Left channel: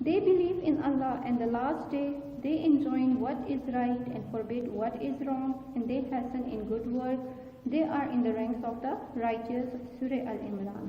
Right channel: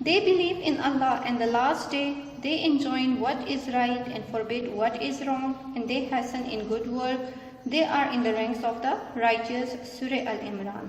They believe in Allah and the last day. They enjoin what is right and forbid what is wrong, and they hasten in good work. They are in the ranks of the righteous. Surah Al-Imran।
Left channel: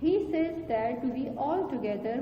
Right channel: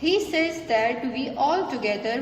He says that we all together,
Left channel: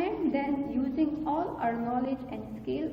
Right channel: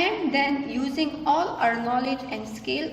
and then using all our knowledge and skill,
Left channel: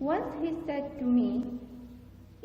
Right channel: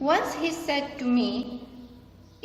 Once he said to me,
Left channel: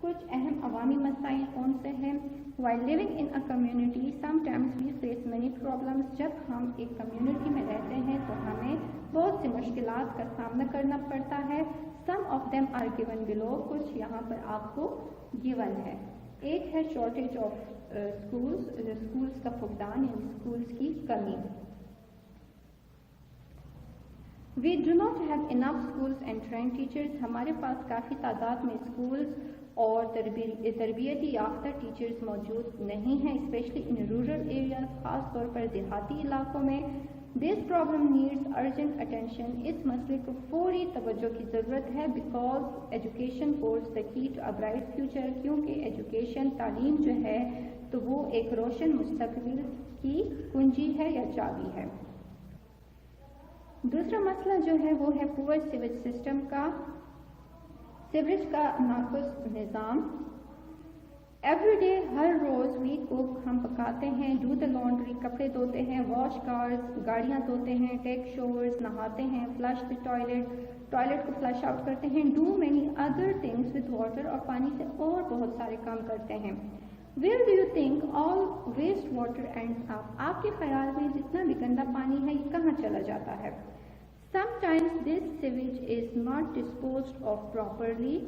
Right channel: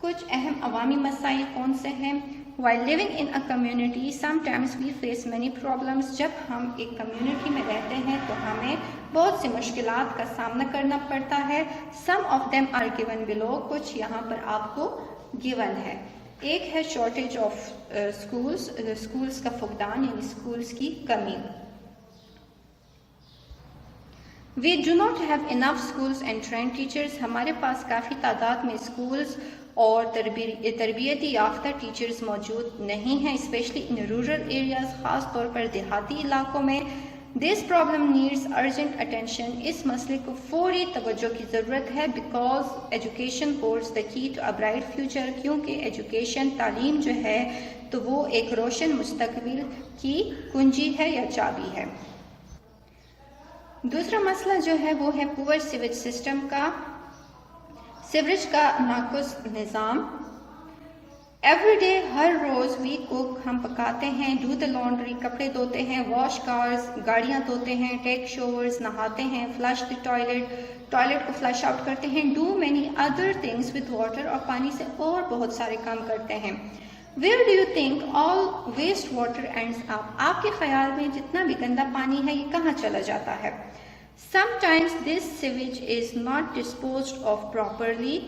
کچھ اہم عوامی مسائل کون سے ہیں؟ While living in a community, sometimes we face many problems. جب ہم ایک کمیونٹی میں رہتے ہیں تو ہمیں بہت سی مشکلات کا سامنا کرنا پڑتا ہے. Some of them are given below. کچھ یہاں پر آپ کو given ہے. ایک ہے shortage of schools. schools کا فقدان یعنی schools کی کمی. We do not have enough schools and trained teachers. ہمارے پاس کافی تعداد میں schools اور تربیتی یافتہ ٹیچرز موجود نہیں ہیں, اسپیشلی ان رورل ایریاز, خاص طور پر دیہاتی علاقوں میں. This problem needs urgent attention. اس مسئلے کو فوری توجہ کی ضرورت ہے. Because education holds the key to a bright future. کیونکہ ایجوکیشن تعلیم جو ہے تو وہ ایک روشن مستقبل کی کنجی ہے یا چابی ہے. دوسرا مسئلہ جو ہے وہ ہے پور سیویج سسٹم کا, سیوریج کا ناقص نظام. ایوری ڈے, ہر روز وی کوک, ہم پکاتے ہیں, ڈو دا لانڈری, کپڑے دھوتے ہیں, واش کارز, گاڑیاں دھوتے ہیں, ٹیک شاورز, نہاتے ہیں, فلش دی ٹوائلٹ کو فلش آؤٹ کرتے ہیں, do many other things with water, اور پانی سے اور بہت سارے کام کرتے ہیں. Where do you think all waste water ends up? آپ کے خیال میں جتنا بھی گندا پانی ہے یہ کہاں چلا جاتا ہے؟ Sometimes this sewage is not disposed of properly.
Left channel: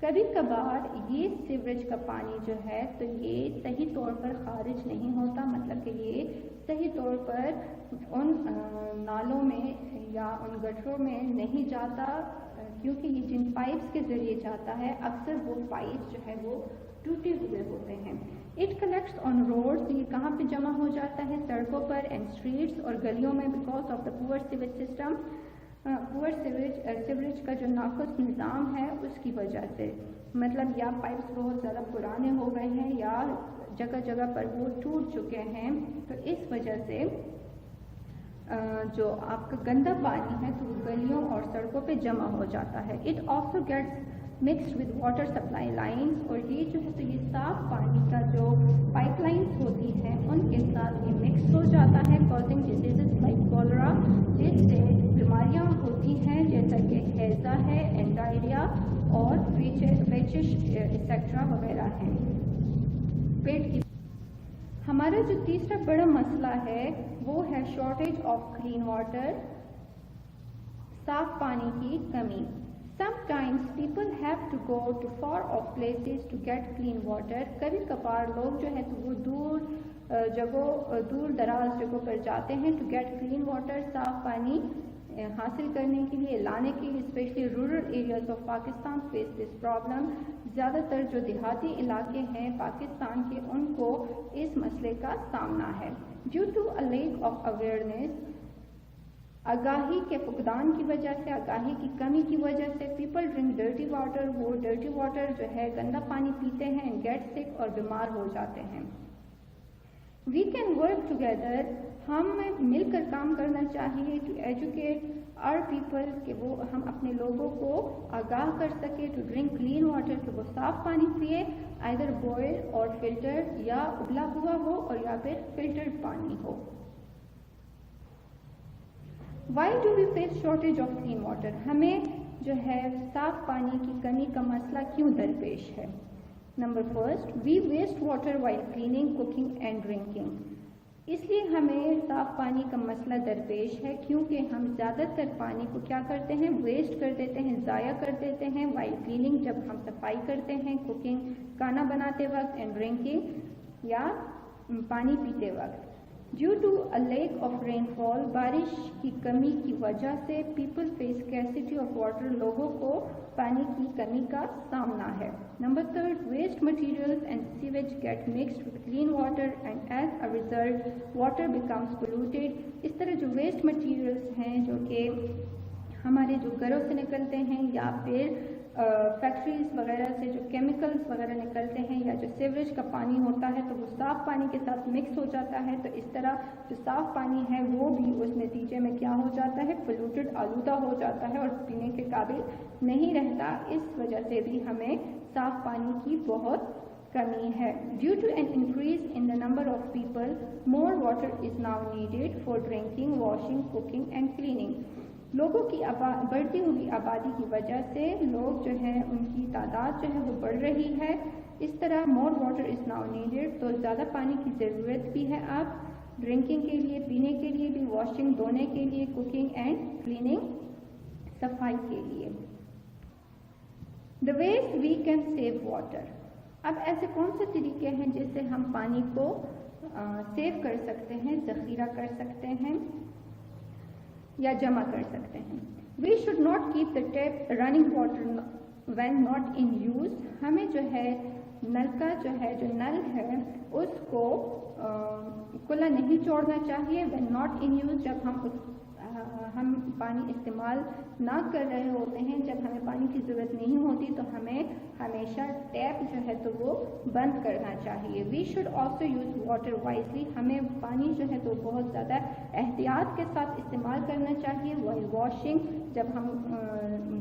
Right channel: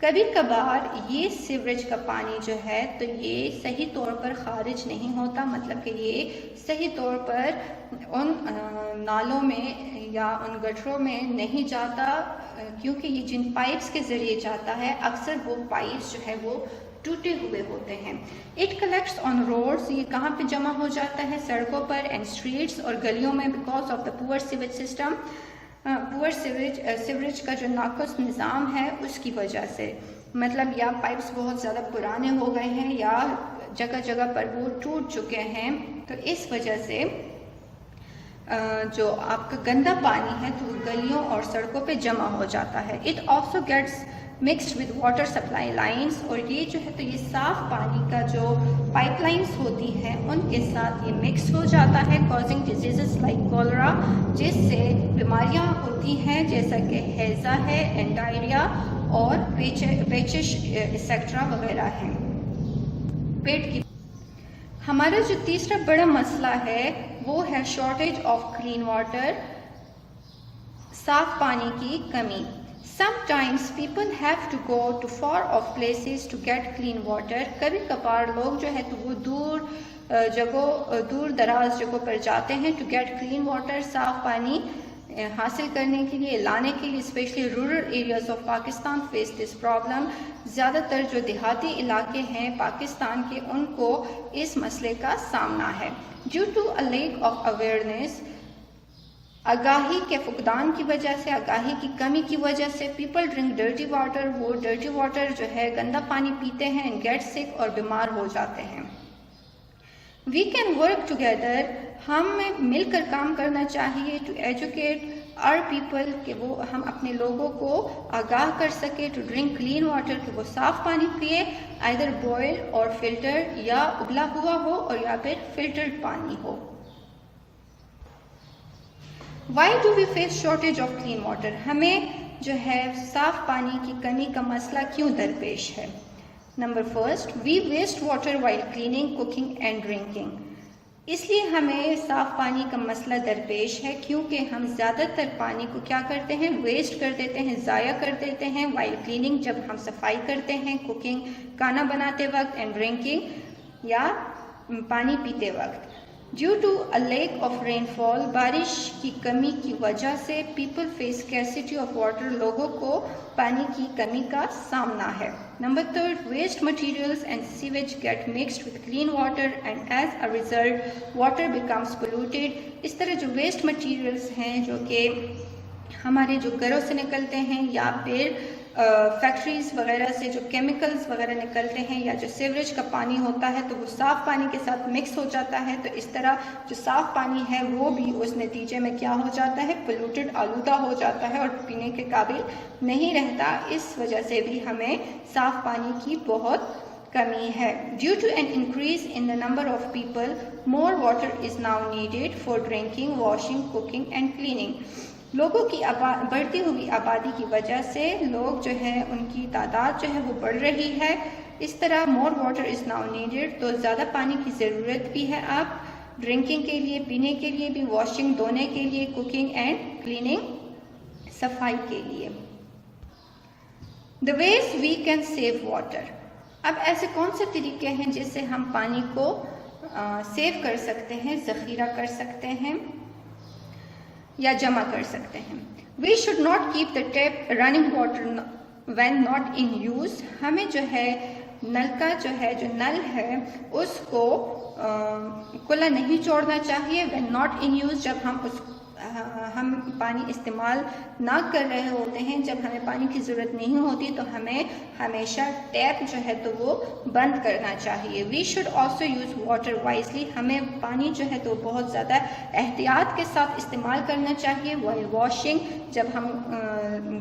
کبھی کبھار یہ سیوریج کا پانی جو ہے تو یہ صحیح طور پر خارج نہیں ہوتا, مطلب کہ یہ صحیح طور پر ان نالوں میں یا ان گٹروں میں نہیں جاتا, کیونکہ یہ جن پائپس کے ذریعے جاتا ہے اکثر وہ پائپس جو ہے وہ ٹوٹے ہوئے ہوتے ہیں. اٹ کلیکٹس آن روڈس, یہ کہاں پہ جمع ہو جاتا ہے؟ سڑکوں پر, اینڈ اسٹریٹس, اور گلیوں میں, بیکاز آف دا پور سیویج سسٹم. پور سیوریج کا جو ناقص نظام ہے اس کی وجہ سے, مطلب یا پائپس بہت زیادہ پرانے ہو گئے ہیں یا جگہ جگہ پر وہ ٹوٹ چکے ہیں, تو اس وجہ سے جو آپ کا گندا پانی ہے تو وہ گلیوں اور سڑکوں پہ جمع ہو جاتا ہے. It also gets mixed with water supply lines, اور یہ جو ہے تو یہ صاف پانی کا جو پائپ لائنس ہوتی ہیں ان کے ساتھ یہ مکس ہو جاتا ہے, کازنگ ڈیزیزز لائک کولرا, جس سے بیماریاں ہوتی ہیں جیسا کہ ہیضہ ہے, اینڈ ڈائریا, اور پیچش ایسیکٹرا وغیرہ ہیں, پیٹ کی. ہمارا جو تیسرا بڑا مسئلہ ہے وہ ہے شارٹیج آف کلین واٹر, صاف پانی کی کمی. Sometimes people have to go to far off places to get clean water. کبھی کبھار لوگ جو ہے تو وہ دور دراز جگہوں پر جاتے ہیں to get clean water, صاف پانی حاصل کرنے کے لیے, لانے کے لیے. Specially rural areas of Pakistan face this problem. زیادہ تر جو دیہاتی علاقے ہیں پاکستان کے ان کو اس مسئلے کا سامنا ہے. Due to a lack of awareness, آگاہی کے فقدان کی وجہ سے, آگاہی کی کمی کی وجہ سے, پیپل ڈرنک ڈرٹی واٹر, وہ ڈرٹی واٹر جو ہے گندا پانی پیتے ہیں, اینڈ گیٹ سک, اور بیمار ہو جاتے ہیں. وی کین ورک ٹوگیدر, ہمیں مل کر کام کرنا چاہیے, ٹو ایجوکیٹ آر پیپل, کہ وہ ہم اپنے لوگوں کو آگاہ کر سکے, ٹو ڈرنک کلین واٹر, کہ وہ صاف پانی پیے, آئدر بوائل اور فلٹر, یا ابلا ہوا ہو اور یا پھر فلٹرڈ پانی ہو. Why do we face shortage of clean water? ہمیں جو ہے صاف پانی کی کمی کا مسئلہ کیوں درپیش ہے؟ Number first, we waste water while cleaning, cooking and drinking. اس لیے ہمیں صاف پانی کا مسئلہ درپیش ہے کیونکہ ہم زیادہ تر پانی کو کیا کرتے ہیں؟ ویسٹ کر دیتے ہیں, ضائع کر دیتے ہیں. while cleaning, جب ہم صفائی کرتے ہیں, cooking, کھانا بناتے وقت, and drinking, یا پانی پیتے وقت. Due to a lack of rainfall, بارش کی کمی کی وجہ سے, people face scarcity of water, لوگوں کو پانی کی کمی کا سامنا ہے. Number third, waste materials and sewage get mixed with clean water and as a result water becomes polluted. اس طرح جو waste materials ہیں جو کہ ہمارے جو گھروں سے نکلتے ہیں یا پھر فیکٹریز وغیرہ سے جو کیمیکلز وغیرہ نکلتے ہیں, یا جو سیوریج کا پانی ہوتا ہے تو وہ صاف پانی کے ساتھ مکس ہو جاتا ہے, تو اس طرح جو صاف پانی ہے وہ بھی اس نتیجے میں کیا ہو جاتا ہے؟ پولوٹڈ, آلودہ ہو جاتا ہے اور پینے کے قابل نہیں رہتا. اس وجہ سے بھی ہمیں صاف پانی کی بہت کمی ہے. Due to an increase in the number of people, more water is now needed for drinking, washing, cooking and cleaning. لوگوں کی بڑھتی ہوئی آبادی کی وجہ سے لوگ جو ہے ان کی تعداد جو ہے وہ بڑھ رہی ہے. اس طرح more water is now needed, تو زیادہ پانی کی ضرورت بھی ہے اب ڈرنکنگ کے لیے، پینے کے لیے بھی، واشنگ دھونے کے لیے، کوکنگ اینڈ کلیننگ صفائی کے لیے. The ways we can save water. اب ایسے کون سے طریقے ہیں جس سے ہم پانی کو سیو کر سکتے ہیں، ذخیرہ کر سکتے ہیں یا جمع کر سکتے ہیں. We should not keep the tap running water when not in use. ہمیں جو ہے نل کا جو نل ہے اس کو کھلا نہیں چھوڑنا چاہیے. when not in use، جب ہم پانی استعمال نہ کر رہے ہوتے ہیں، جب ہمیں پانی کی ضرورت نہیں ہوتی تو ہمیں ہمیشہ ٹیپ جو ہے تو وہ بند کرنا چاہیے. We should also use water wisely. ہمیں پانی جو ہے تو بہت زیادہ احتیاط کے ساتھ استعمال کرنا چاہیے. وائل واشنگ، جب ہم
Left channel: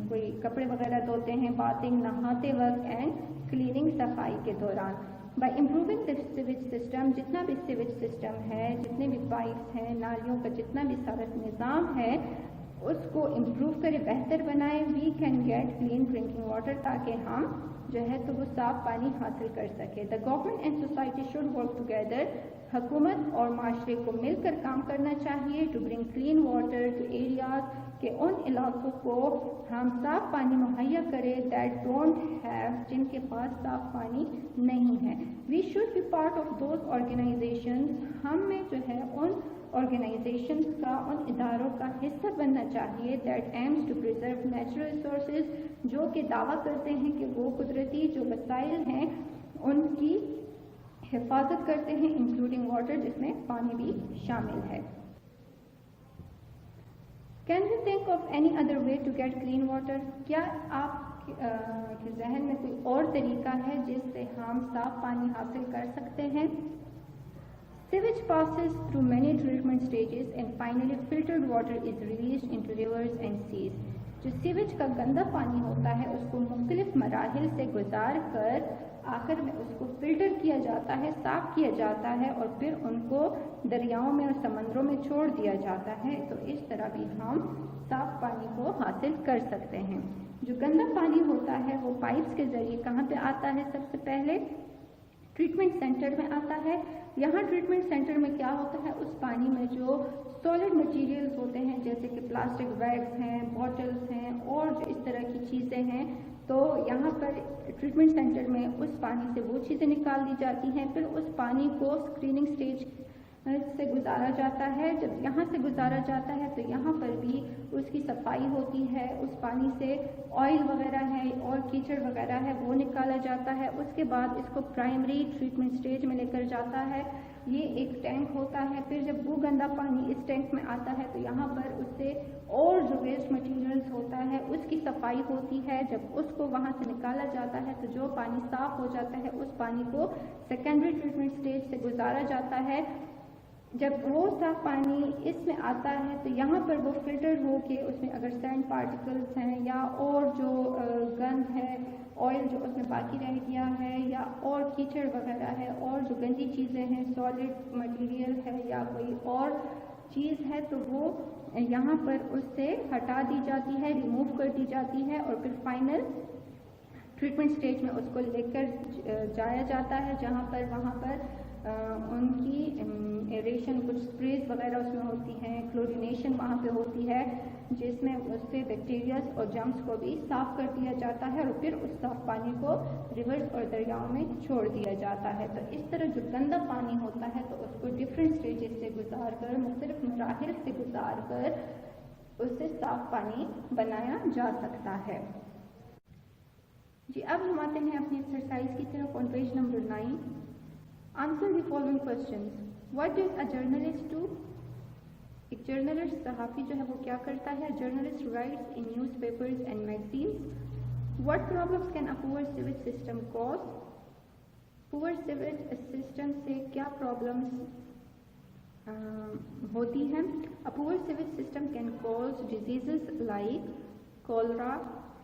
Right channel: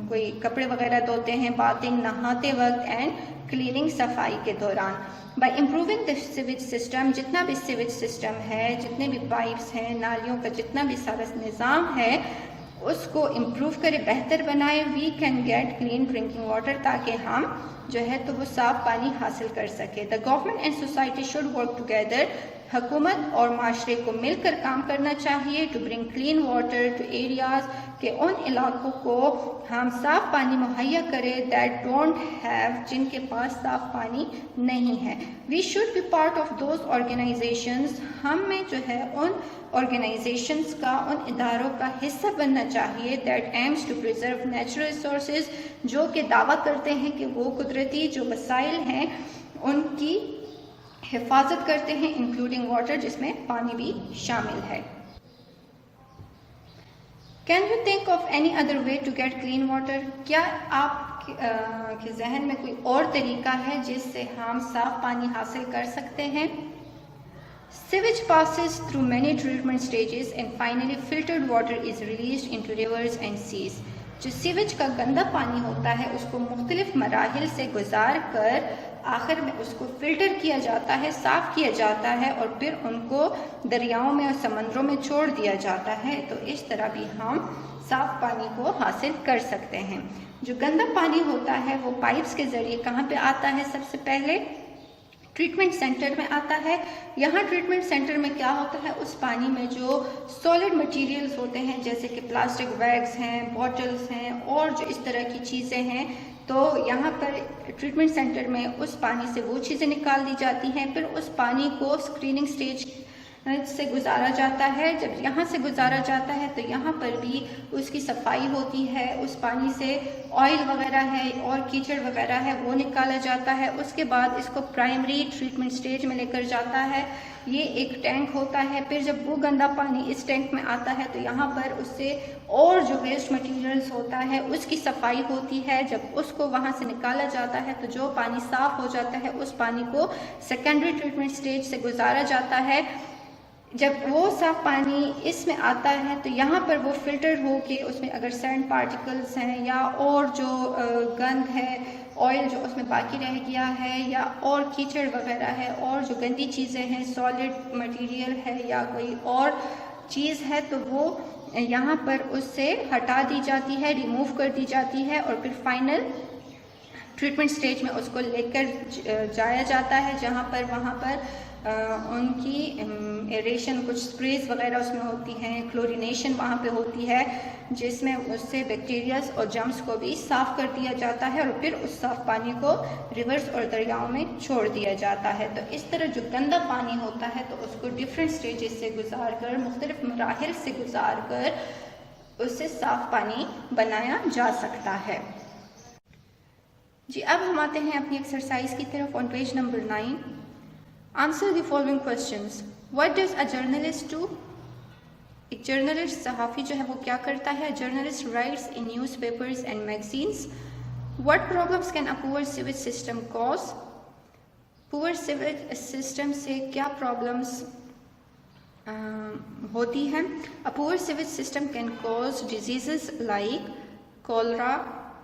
کوئی کپڑے وغیرہ دھوتے ہیں، باتنگ، نہاتے وقت، اینڈ کلیننگ، صفائی کے دوران. By improving the sewage system, جتنا بھی سیویج سسٹم ہے، جتنے بھی پائپس ہیں، نالیوں کا جتنا بھی سارا نظام ہے اس کو امپروو کرے، بہتر بنائے. We can get clean drinking water, تاکہ ہم جو ہے تو وہ صاف پانی حاصل کر سکے. The government and society should work together. حکومت اور معاشرے کو مل کر کام کرنا چاہیے to bring clean water to areas, کہ ان علاقوں کو ہم صاف پانی مہیا کرے دیٹ ڈونٹ ہیو، جن کے پاس صاف پانی نہیں ہے. We should be part of those organizations, ہم میں جو ہے ان آرگنائزیشنز کا، ان اداروں کا حصہ بننا چاہیے that aims to preserve natural resources, جو کہ دعویٰ کرتے ہیں کہ وہ قدرتی جو وسائل ہیں ان کی حفاظت کرتے ہیں، انکلوڈنگ واٹر، جس میں پانی بھی شامل ہے. Can you think of any other way to get clean water? کیا آپ کے ذہن میں کوئی اور طریقہ ہے جس سے ہم صاف پانی حاصل کر سکتے ہیں؟ Sewage passes through many treatment stages and finally filtered water is released into rivers and seas. جو سیویج کا گندا پانی ہوتا ہے اس کو مختلف مراحل سے گزار کر آخر میں اس کو فلٹر کیا جاتا ہے، صاف کیا جاتا ہے، اور پھر ان کو دریاؤں میں اور سمندروں میں چھوڑ دیا جاتا ہے. تو اس طرح بھی ہم صاف پانی کو حاصل کر سکتے ہیں. جو گندا پانی ہوتا ہے وہ پائپس کے ذریعے کہاں پہ آتا ہے؟ سب سے پہلے ٹریٹمنٹ سینٹر میں آتا ہے. یہاں ٹریٹمنٹ سینٹر میں کیا ہوتا ہے، اس پانی میں جو سالڈ مٹیریلز ہوتے ہیں جیسے کہ پلاسٹک بیگز ہیں، بوٹلز ہیں، اور جو اس طرح کی چیزیں ہیں، تو یہاں پر ٹریٹمنٹ سینٹر میں اس پانی سے وہ چیزیں نکال دی جاتی ہیں. پھر اس پانی کو اسکریننگ سٹیج سے گزارا جاتا ہے. جب یہاں سے گزارا جاتا ہے تو یہاں پر بھی اس کی صفائی ہوتی ہے، اس پانی سے آئل وغیرہ ہے اور کیچڑ وغیرہ ہے وہ نکالا جاتا ہے. اس کے بعد اس کو پرائمری ٹریٹمنٹ سٹیج میں لے کر جاتا ہے. یہ ایک ٹینک ہوتا ہے. پھر جب وہ گندا پانی اس ٹینک میں آتا ہے تو یہاں پر اس سے اور جو ویسٹ مٹیریلز ہوتا ہے اس کی صفائی ہوتی ہے. جب اس کو وہاں سے نکالا جاتا ہے تو جو پانی صاف ہو جاتا ہے اس پانی کو سیکنڈری ٹریٹمنٹ سٹیج سے گزارا جاتا ہے. جب وہ صاف پانی اس میں آتا ہے تو یہاں پر وہ فلٹر ہو کے اس میں اگر سینڈ پارٹیکلز ہیں یا اور جو گند ہے، آئل جو اس میں باقی رہ گیا ہے، یا اور کیچڑ وغیرہ ہے، اور جو گندی چیزیں ہیں، سالڈ مٹیریل ہے یا کوئی اور چیز ہے، تو وہ یہاں پر اس سے ہٹا دی جاتی ہے، ریموو کر دی جاتی ہے، اور پھر فائنل ٹریٹمنٹ سٹیج میں اس کو لے کر جایا جاتا ہے، جہاں پر وہاں پر ان کی ایریشن، کچھ اسپریز وغیرہ اس میں ہوتی ہیں، کلورینیشن وہاں پہ ہوتی ہے، جس میں اس سے بیکٹیریاز اور جرمز کو بھی صاف کر دیا جاتا ہے، اور پھر اس صاف پانی کو ریورز اور دریاؤں میں چھوڑ دیا جاتا ہے. تو اس طرح جو گندا پانی ہوتا ہے تو اس کو ڈفرینٹ سٹیجز سے گزار کر، مختلف مراحل سے گزار کر اس سے صاف پانی بنایا جا سکتا ہے. جی اب ہم آتے ہیں اپنی ایکسرسائز کی طرف. آن page number 9 Answer the following questions. What does a journalist do? ایک جرنلسٹ، صحافی جو ہے وہ کیا کرتا ہے؟ Journalist writes in newspapers and magazines. What problems can a poor sewage system cause? Poor sewage system سے کیا problems ہوتی ہیں؟ A poor sewage system can cause diseases like cholera,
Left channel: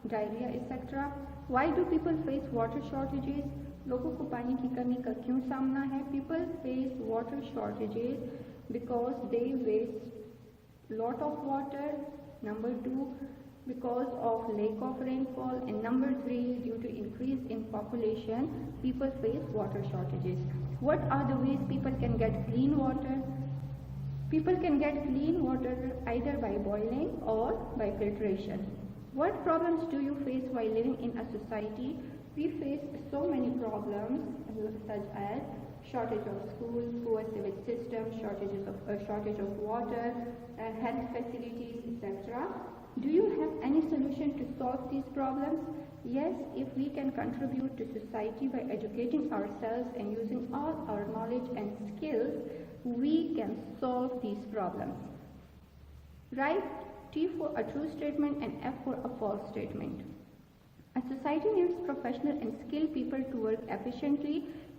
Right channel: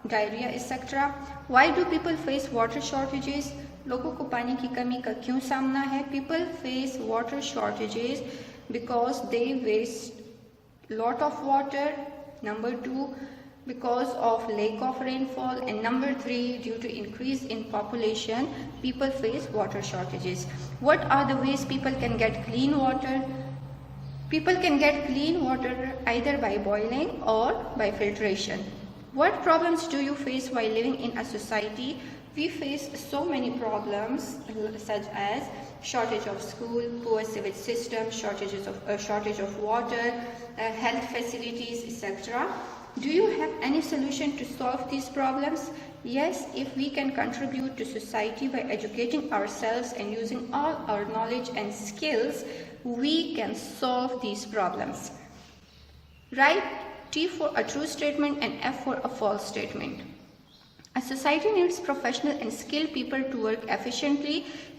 diarrhea, etc. Why do people face water shortages? لوگوں کو پانی کی کمی کا کیوں سامنا ہے؟ People face water shortages because they waste lot of water Number 2, because of lack of rainfall. And number 3, due to increase in population, people face water shortages. What are the ways people can get clean water? People can get clean water either by boiling or by filtration. What problems do you face while living in a society? We face so many problems such as shortage of school, poor sewage system, shortage of water, health facilities, etc. Do you have any solution to solve these problems? Yes, if we can contribute to society by educating ourselves and using all our knowledge and skills, we can solve these problems. Write T for a true statement and F for a false statement. A society needs professional and skilled people to work efficiently.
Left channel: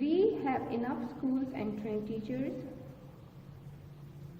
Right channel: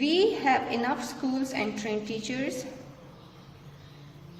We have enough schools and trained teachers.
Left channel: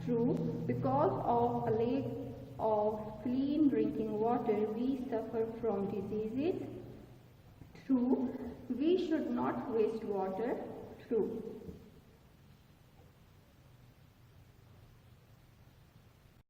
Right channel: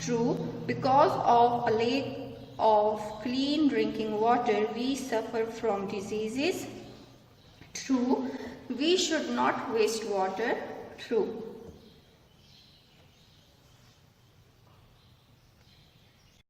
True. Because of a lack of clean drinking water, we suffer from diseases. True. We should not waste water. True.